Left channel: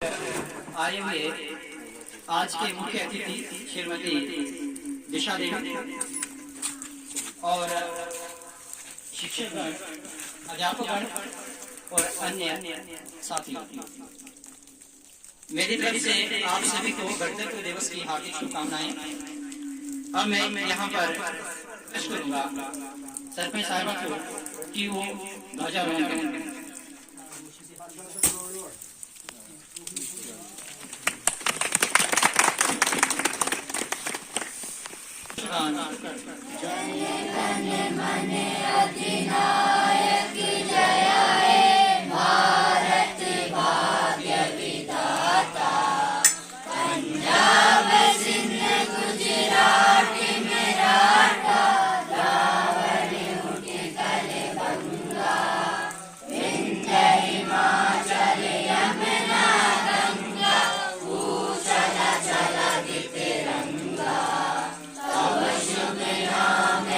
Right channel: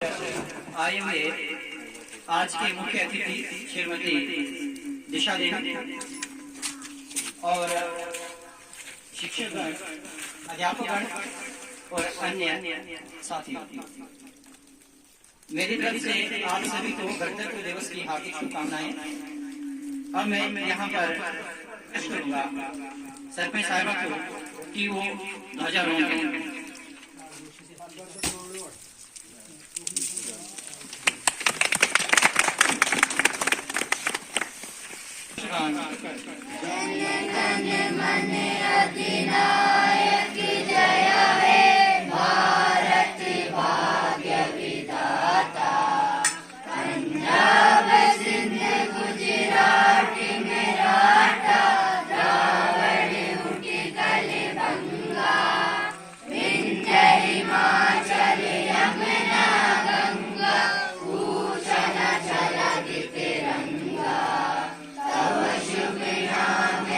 आए हुए आज के मुख्य अतिथि श्रीमती दिशा देवी और शिक्षकगण, अध्यापकगण और अन्य साथी, मेरी तरफ से आप सभी को गणतंत्र दिवस की हार्दिक शुभकामनाएं। अब मैं यहाँ पर प्रश्न करूंगा सरपंच साहिबा को कि वो ध्वजारोहण करें। जन मन अधिनायक जय हे भारत भाग्य विधाता। पंजाब सिंध गुजरात मराठा द्राविड़ उत्कल बंगा, विंध्य हिमाचल यमुना गंगा, उछल छलक तिरंगा। तव शुभ नाम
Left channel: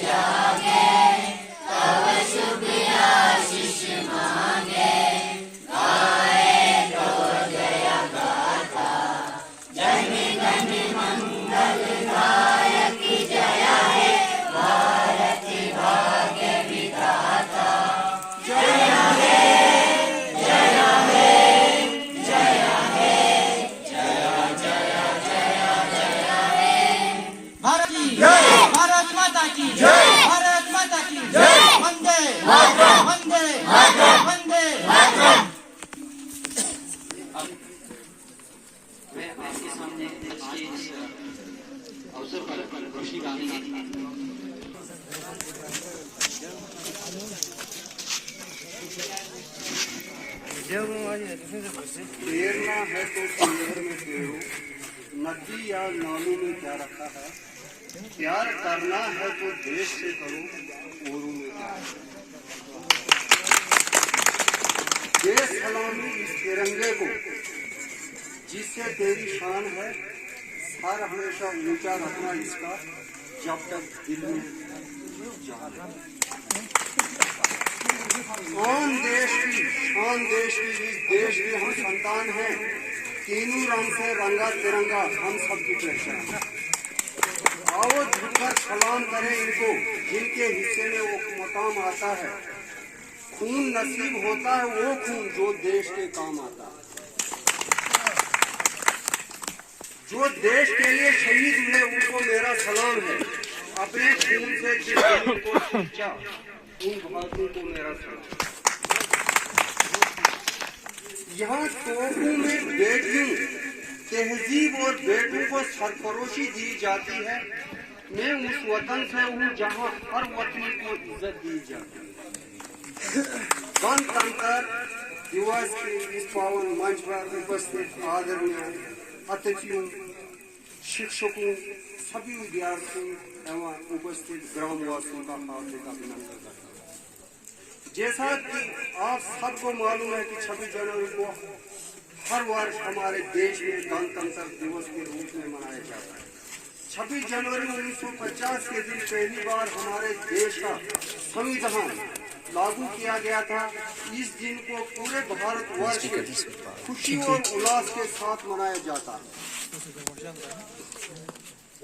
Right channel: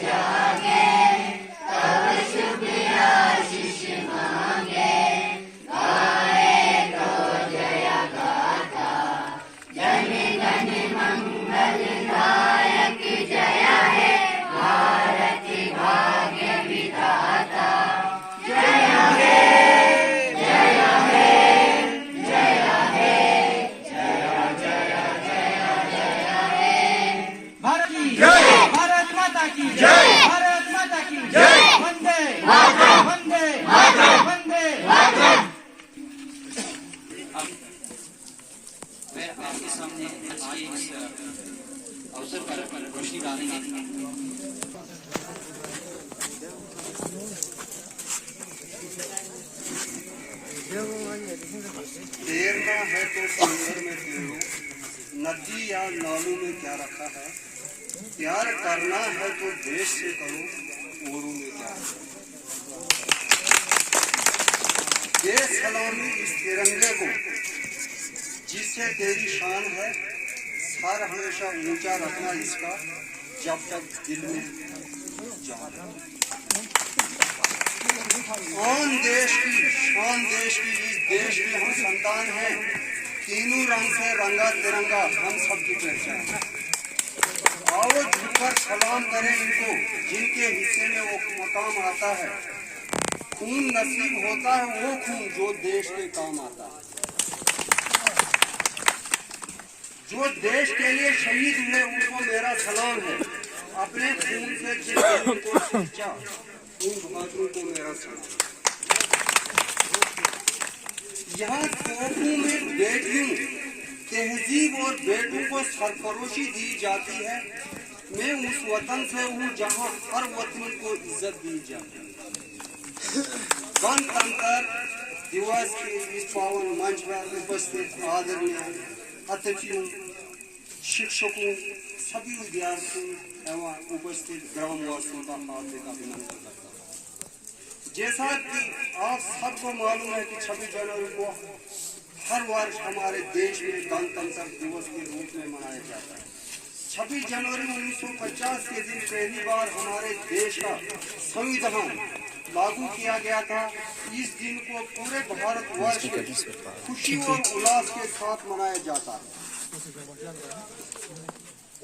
जागे, तव शुभ आशीष मांगे, गाए तो जय गाथा। जन गण मंगल दायक जय हे भारत भाग्य विधाता। जय हे जय हे जय हे जय जय जय जय हे। भारत की जय, भारत माता की जय, भारत माता की जय। वंदे मातरम, वंदे मातरम, वंदे मातरम। मैं आपके सामने आज के इस अवसर पर रोशनी डालूंगा। तैरना है तो समुद्र में तैरो, नदी या नालों में क्या रखा है। प्यार करना है तो देश से करो, औरों में क्या है। दे सलामी इस तिरंगे को जिससे तेरी शान है। सर हमेशा ऊंचा रखना इसका, जब तक दिल में जान है। कौन देश की शान, देश की इस देश में हम संतान हैं। तीनों रंग से रंगा तिरंगा हम सबकी पहचान है। आओ झुककर सलाम करें इनको, जिनके हिस्से में वो मकाम आता है। खून नसीब होता है वो खून जो देश के काम आता है। जो देश के लिए शहीद हुए उनको मेरा सलाम है। अपने खून से जिस देश को सींचा उन भारतीयों को मेरा सलाम। यहाँ तोपों में बेटियों, तहजीब और बेटों को सरफरोशी दी जाती है। मैं उस वतन से हूँ जहाँ हर वतनी को इज्जत दी जाती है। गणतंत्र दिवस के इस पावन मंच पर उपस्थित आदरणीय अतिथियों, शिक्षकों, सभी विद्यार्थियों एवं उपस्थित ग्रामवासियों का हार्दिक अभिनंदन करता हूँ। जैसा कि आप सबको मालूम है कि 26 जनवरी को हर वर्ष हमारे देश में गणतंत्र दिवस के रूप में मनाया जाता है। 26 जनवरी 1950 के दिन पहली बार हमारे देश का संविधान लागू किया गया था। इस दिन को पूरे भारतवर्ष में खुशी और उल्लास के साथ मनाया जाता है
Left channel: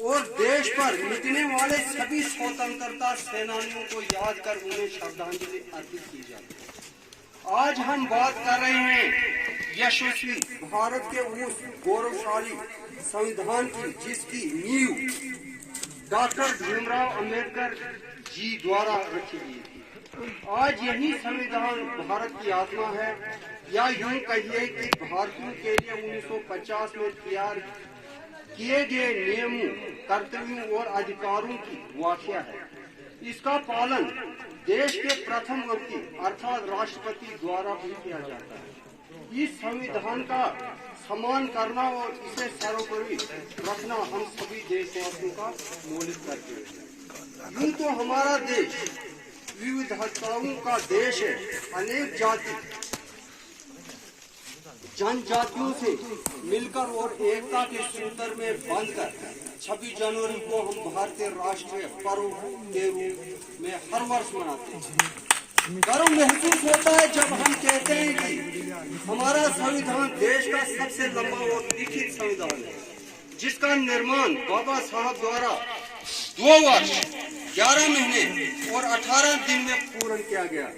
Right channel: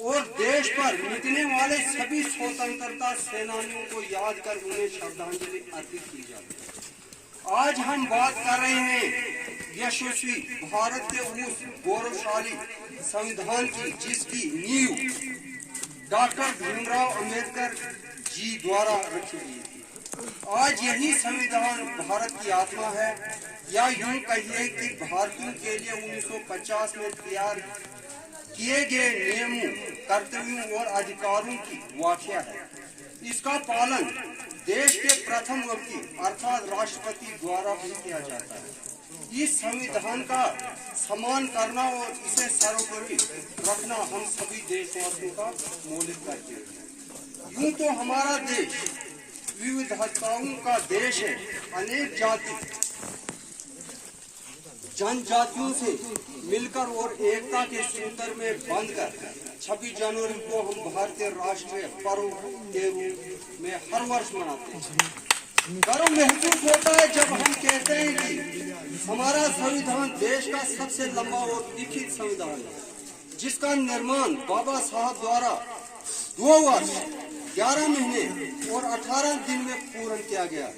और देश पर मिटने वाले सभी स्वतंत्रता सेनानियों को याद कर उन्हें श्रद्धांजलि अर्पित की जाती है। आज हम बात कर रहे हैं यशस्वी भारत के उस गौरवशाली संविधान की जिसकी नींव डॉक्टर भीमराव अंबेडकर जी द्वारा रखी गई थी। आज यही संविधान भारत की आत्मा है, या यूं कहिए कि भारतीयों के लिए 1950 में तैयार किए गए नियमों, कर्तव्यों और अधिकारों की व्याख्या है। इसका पालन देश के प्रथम व्यक्ति अर्थात राष्ट्रपति द्वारा भी किया जाता है। इस संविधान का सम्मान करना और इसे सर्वोपरि रखना हम सभी देशवासियों का मौलिक कर्तव्य है। यूं तो हमारा देश विविधताओं का देश है। अनेक जाति जनजातियों से मिलकर और एकता के सूत्र में बंधकर 26 जनवरी को हम भारतीय राष्ट्रीय पर्व के रूप में हर वर्ष मनाते हैं। गर्व महसूस होता है जब हम कहते हैं कि हमारा संविधान देश का सबसे लंबा और लिखित संविधान है, जिसका निर्माण बाबा साहब द्वारा 2 वर्ष 11 महीने और 18 दिन में पूर्ण किया गया।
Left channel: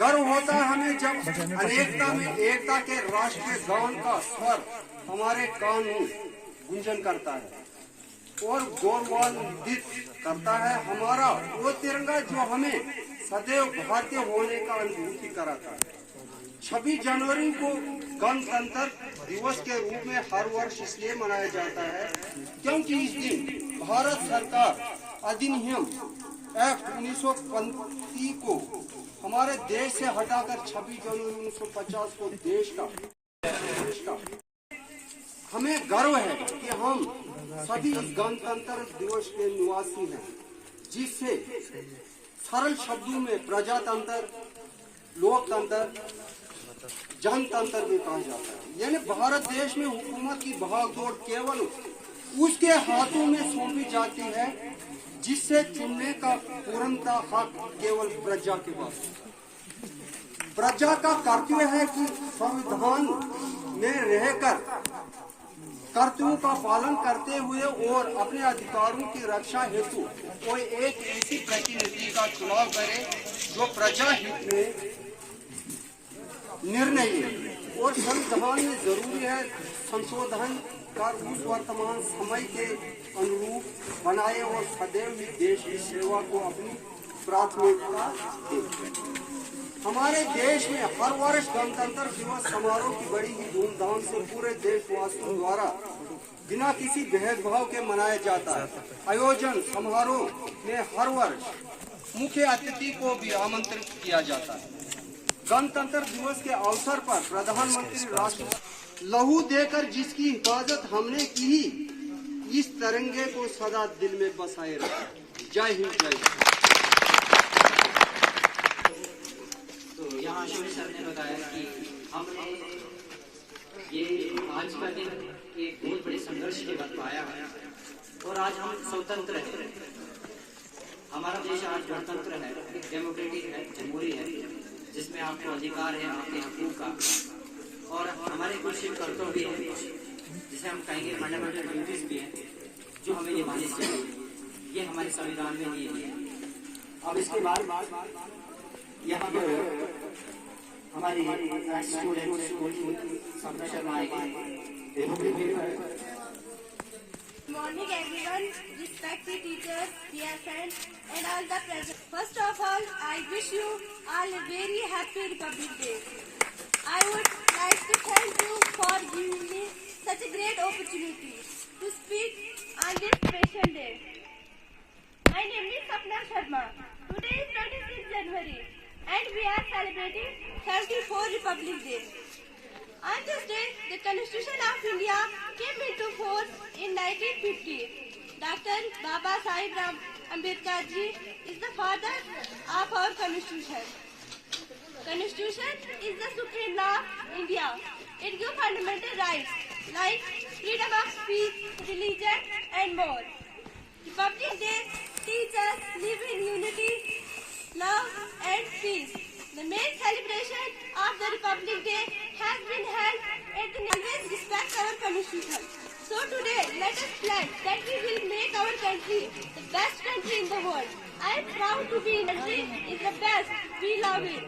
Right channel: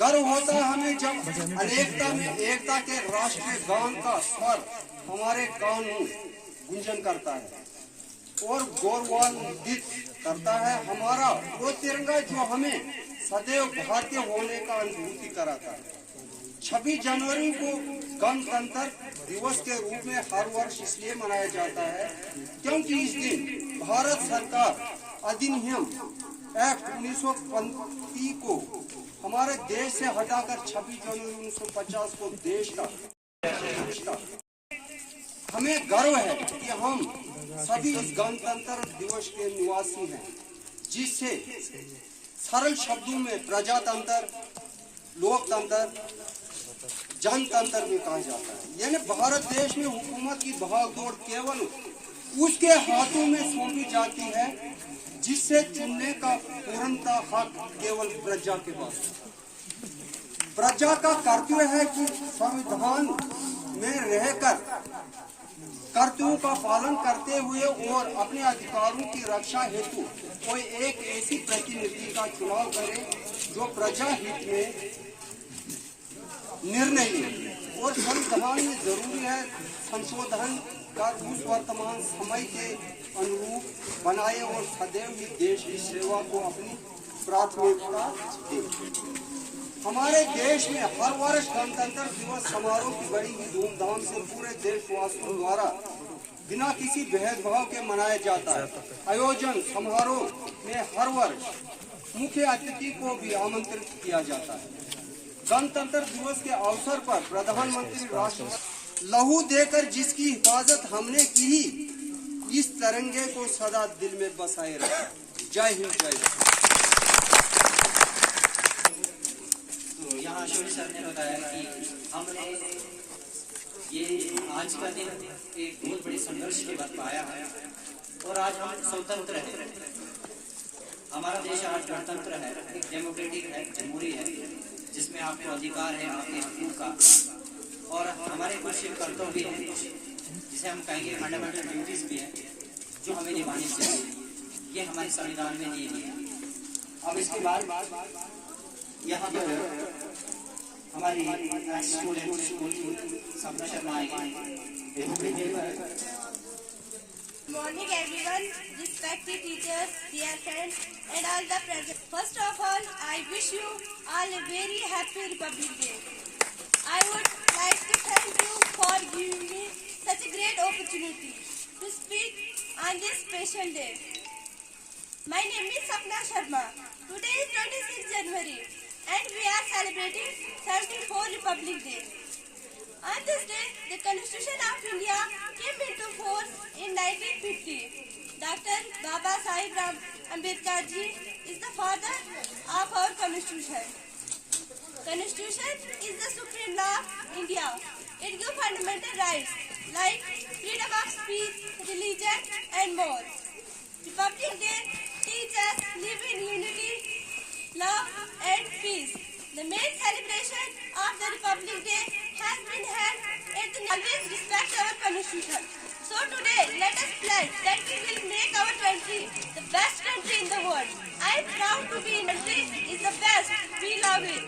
गर्व होता है हमें जब अनेकता में एकता के राष्ट्रीय गान का स्वर हमारे कान में गुंजन करता है और गौरवान्वित करता है। हमारा वो तिरंगा जो हमें सदैव भारतीय होने का अनुभूति कराता है। 26 जनवरी को गणतंत्र दिवस के रूप में हर वर्ष इसलिए मनाया जाता है क्योंकि इस दिन भारत सरकार अधिनियम एक्ट 1935 को हमारे देश से हटाकर 26 जनवरी 1950 को देश का हमें गर्व है कि हम सभी इस गणतंत्र दिवस के निवासी हैं, जिससे सरल शब्दों में प्रजातंत्र, लोकतंत्र, जनतंत्र में कहा जाता है। यानी भारत देश में हुकूमत की भागदौड़ केवल उसके हाथों में सौंपी जाती है, जिससे चुनने का पूर्णता हक केवल प्रजा के पास है। प्रजा का कर्तव्य है कि संविधान में रहकर कर्तव्यों का पालन करते हुए और अपने अधिकारों की रक्षा हेतु कोई एक ऐसी प्रतिनिधि का चुनाव करे जो प्रजा हित में निर्णय ले। और संविधान में जरूरी है संशोधन कर उस वर्तमान समय के अनुरूप बनाए और सदैव ही देश की सेवा को अपनी प्राथमिकता दे। हमारे देश में हर वर्ष गणतंत्र दिवस समारोह की बड़ी ही धूमधाम से पूरे देशवासियों द्वारा बिना किसी भेदभाव के मनाया जाता है। आयोजन समारोह में हर वर्ष मुख्य अतिथि को भी आमंत्रित किया जाता है। गणतंत्र दिवस के अवसर पर प्रधानमंत्री राष्ट्र लहू देकर जिसकी हिफाजत हमने की, इस तिरंगे को सदा दिल में बसाए रखें। जय हिंद, जय भारत। तो यहाँ शोरी सर ने बताया कि हमने ये आज का दिन एक बहुत बड़े संघर्ष के बाद पाया है और आज हम स्वतंत्र हैं। हमारा देश आज गणतंत्र है, एक डेमोक्रेटिक है, जमहूरी है, जिसमें आपको अधिकार है आपके हकूक का और हमारे कुछ कर्तव्य हैं जिसे हम कहेंगे फंडामेंटल ड्यूटीज भी हैं जो हमें निभानी चाहिए। ये हमारे संविधान में दिए गए हैं। अब इसके बाद यहाँ पर हमारी स्कूल सपना शर्मा आएगी। Morning everyone, respected teachers, dear friends and all the present. First of all, I wish you all a very happy Republic Day. I would like to thank you for giving me such a great opportunity to speak on this special day. My name is Sapna Sharma. Today is 26 January and we are celebrating 34th Republic Day. On this day, the Constitution of India came into force in 1950. Dr. Baba Sahib Ambedkar ji is the father of our Constitution. Constitution is the supreme law of India. It gives fundamental rights like freedom of speech, religion and more. Republic Day teaches us live in unity, love and peace. The main celebration of the Republic Day has been held at the always respect our Constitution. So today, let us pledge that we will make our country the best country in the world. I am proud to be in country is the best. We love it.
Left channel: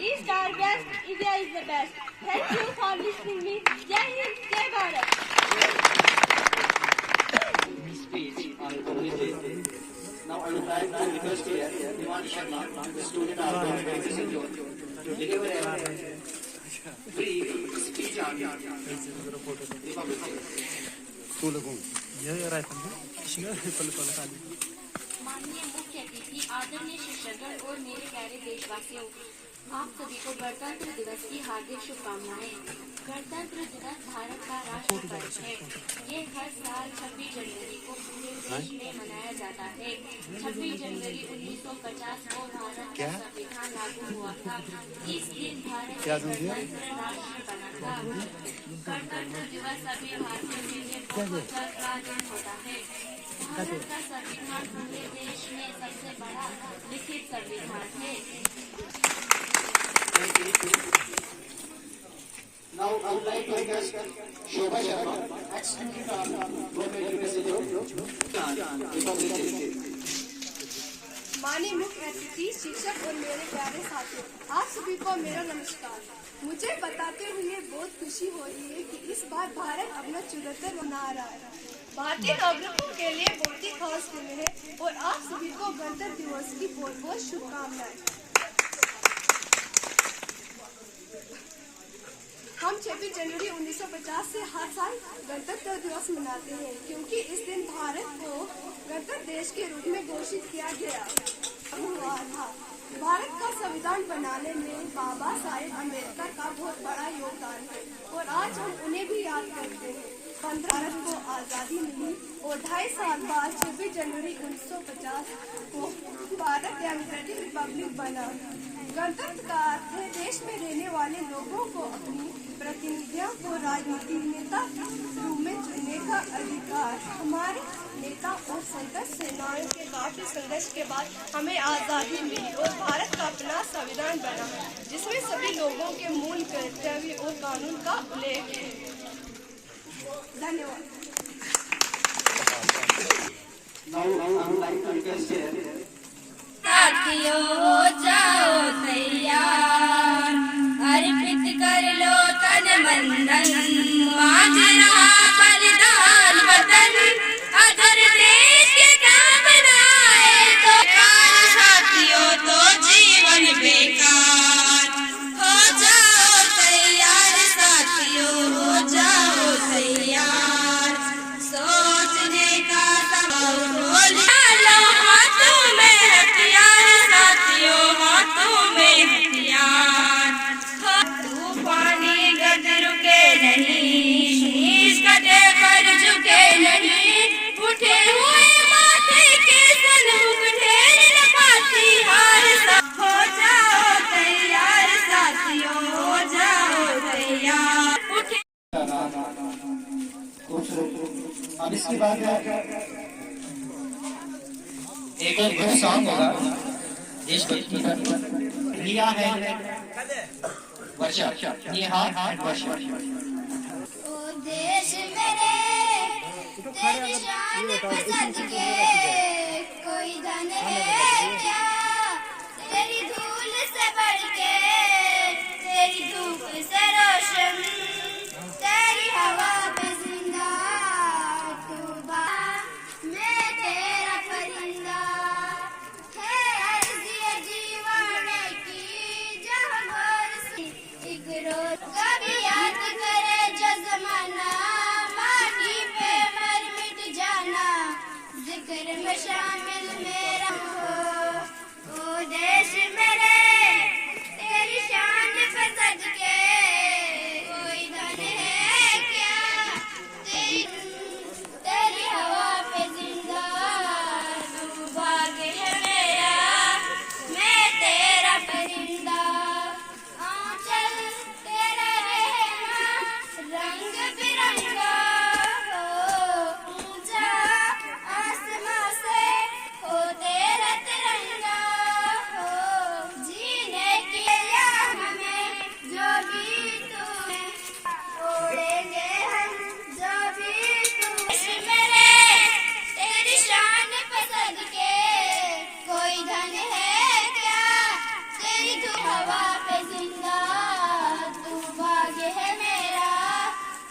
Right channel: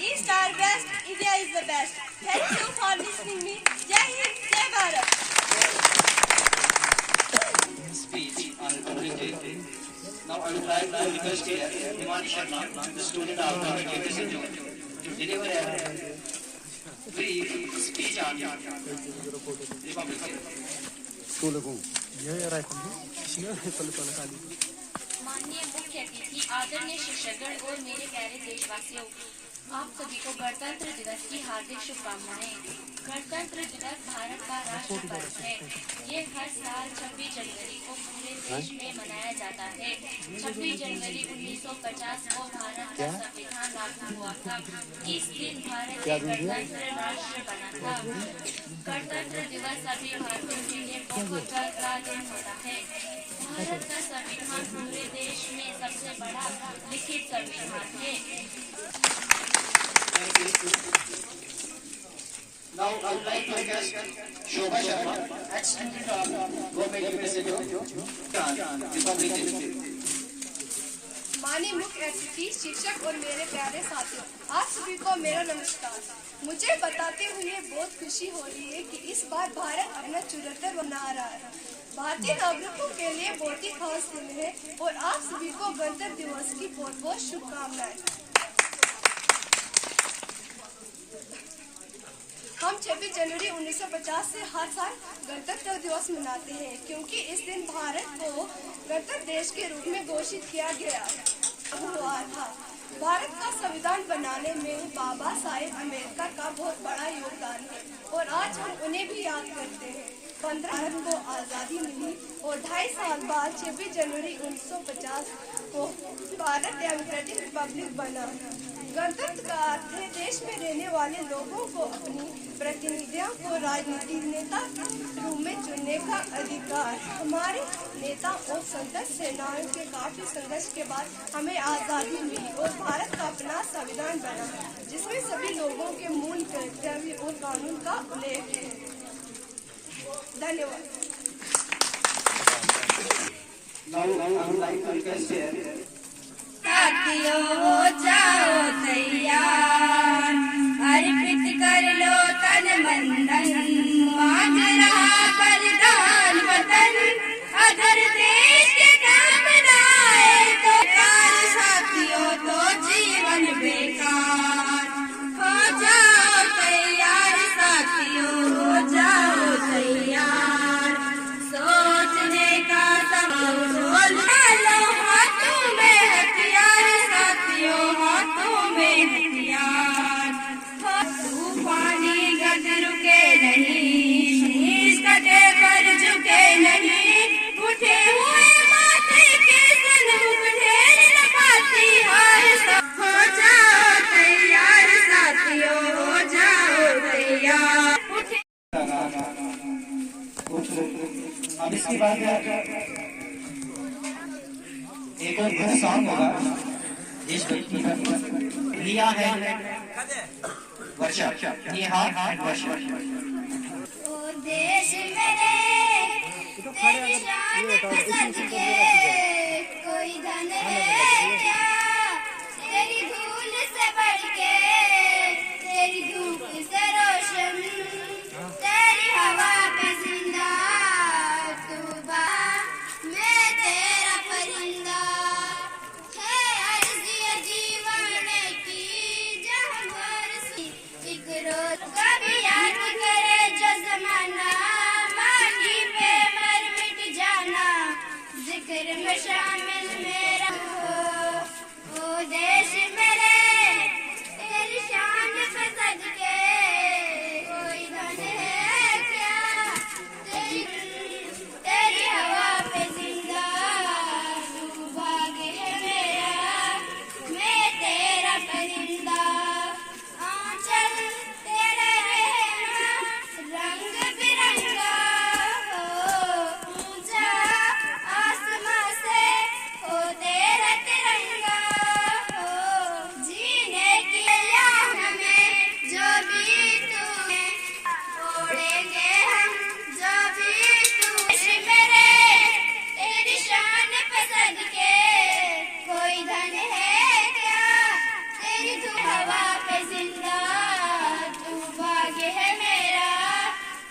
East are best. India is the best. Thank you for listening me. Jai Hind, Jai Bharat. Speech on Republic Day. Now I would like to request here Himan Sharma, the student of Government Education, to deliver a brief speech on Republic Day. माननीय मुख्य अतिथि, आदरणीय शिक्षकगण और मेरे प्यारे देशवासियों, आप सभी को गणतंत्र दिवस की हार्दिक शुभकामनाएं। गणतंत्र दिवस भारत का राष्ट्रीय पर्व है। ये हर साल 26 जनवरी को पूरे देश में मनाया जाता है। 26 जनवरी 1950 को भारत का संविधान लागू हुआ था। इस दिन भारत गणतंत्र राष्ट्र बना था। गणतंत्र दिवस सभी भारतीयों के लिए बहुत गर्व का दिन होता है। भारत का संविधान पूरे देश में सबसे बड़ा लिखित संविधान है। Now I would like to request Shobha Sharma, ex-student of Government University of Republic of State. माननीय मुख्य अतिथि, शिक्षक और मेरे प्यारे साथियों, आप सभी को मेरा नमस्कार। मुझे बताते हुए बहुत खुशी हो रही है कि इस बार भारत अपना 74 मना रहा है। भारतीय नागरिकों के लिए बहुत ही खास दिन है और आप सभी को गणतंत्र दिवस की बहुत बहुत शुभकामनाएं। हम 26 जनवरी 1950 से हर साल गणतंत्र दिवस मनाते हैं, क्योंकि इस दिन भारत को गणतंत्र देश के रूप में घोषित किया गया हुआ था। भारत का संविधान बनाने में बाबा साहेब अम्बेडकर का बहुत बड़ा योगदान है और आज हम उन्हें भी याद करते हैं। 15 भारत को आज़ादी मिली और 2.5 साल बाद 26 जनवरी 1950 को भारत डेमोक्रेटिक रिपब्लिक बना। गणतंत्र का अर्थ है देश में रहने वाले लोगों को अपनी प्रतिनिधियों को राजनीतिक नेता रूप में चुनने का अधिकार। हमारे नेता और संघर्ष सेनानियों के काफी संघर्ष के बाद हमें आज़ादी मिली और भारत का अपना संविधान बना, जिसमें सभी लोगों के मूल कर्तव्य और कानून का उल्लेख है। धन्यवाद। Now I would like to request साथियों हो जाओ तैयार, अर्पित कर लो तन मन धन, आज रहा बलिदान वतन, अगर देश के काम न आए तो साथियों तो जीवन बेकार। हो जाओ तैयार साथियों, हो जाओ तैयार, सोचने का समय लो हाथों में हथियार साथियों, हाथों में हथियार। पानी गद रुके नहीं, शीश कटे पर झुके नहीं, उठे हुए माथे के सनमुख ढेर न पाती हार। हो जाओ तैयार साथियों, हो जाओ तैयार, उठे। अब इसके बाद एक और गुड सॉन्ग होगा देशभक्ति पर, रिया है वर्षा, ये हाँ वर्षा। ओ देश मेरे तेरी शान पे सज के, कोई धन है क्या तेरी धूल से बढ़ के, तेरी धूप से रोशन, तेरी हवा पे जिंदा तू बा, मैं तेरा परिंदा है अर्ज़ ये दीवाने की, जहाँ बरसी एक रोज कभी याद करे जो ज़माना, माटी पे मर मिट जाना, जिक्र में शामिल मेरा हो। ओ देश मेरे तेरी शान पे सज के, कोई धन है क्या तेरी हवा पे जिंदा, तू भाग्य है मेरा, मैं तेरा परिंदा, आंचल तेरा रहना रंग बिरंगा हो, ऊंचा आसमां से हो तेरा तिरंगा हो, जीने की याद में जो भी तू है, ओढ़ेंगे हम जो भी तू है। मेरे तेरी शान पे सदके, कोई धन है क्या तेरी तू हवा पे जिंदा, तू भाग्य है मेरा,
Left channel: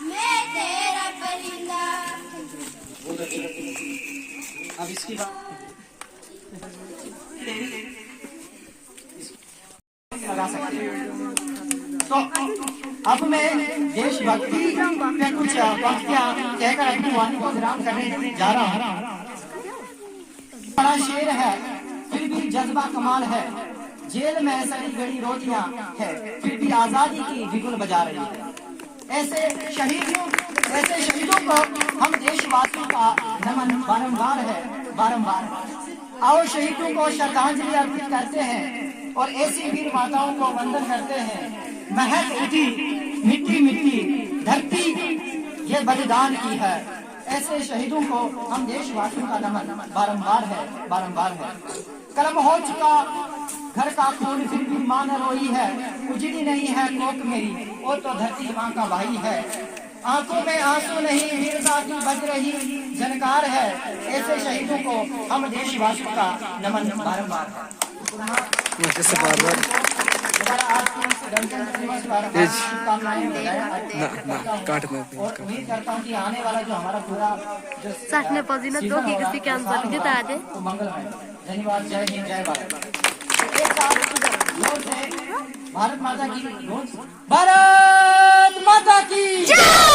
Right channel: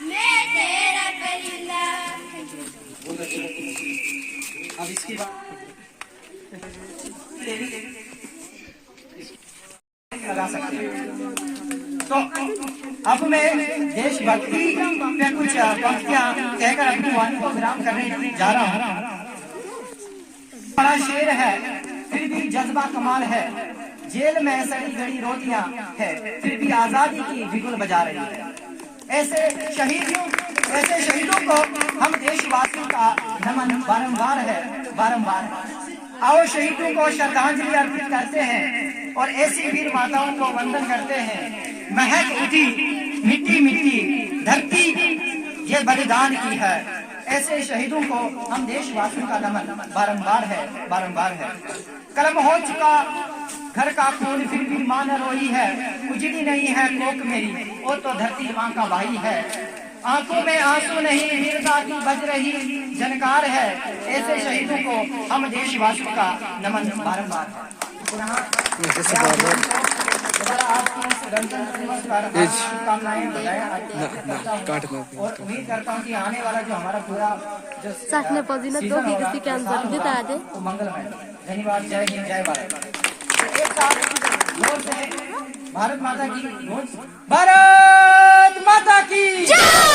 मैं तेरा परिंदा। अब इसके बाद लगा सकते हैं। तो अब मैं देशभक्ति पे कुछ पंक्तियां कहकर अपनी वाणी को विराम करने जा रहा हूँ। बड़ा शेर है फिर भी जज्बा कमाल है, जेल में सड़ी गड़ी रोटियां है फिर भी आजादी की बिगुल बजा रही है। ऐसे शहीदों को हम देशवासियों का नमन बारंबार है। आओ शहीदों को श्रद्धांजलि अर्पित करते हैं और ऐसी वीर माताओं को वंदन करते हैं। महक उठी मिट्टी मिट्टी धरती ये बलिदान की है। ऐसे शहीदों को हम देशवासियों का नमन बारंबार है। कर्म हो चुका घर का खून फिर भी मां न रोई है, उजड़ी नहीं है कोक मेरी वो तो धरती मां का भाई है। आंखों में आंसू नहीं वीरता की बज रही जनकार है। ऐसे शहीदों को हम देशवासियों का नमन बारंबार है। पुनः आज के इस गणतंत्र दिवस पर शुभकामनाएं और उम्मीद करता हूँ कि आने वाला जो हमारा पूरा जो वो मंगलमय। धन्यवाद। जय हिंद जय भारत। एक साथ जोर से भारत माता की भारत माता की जय।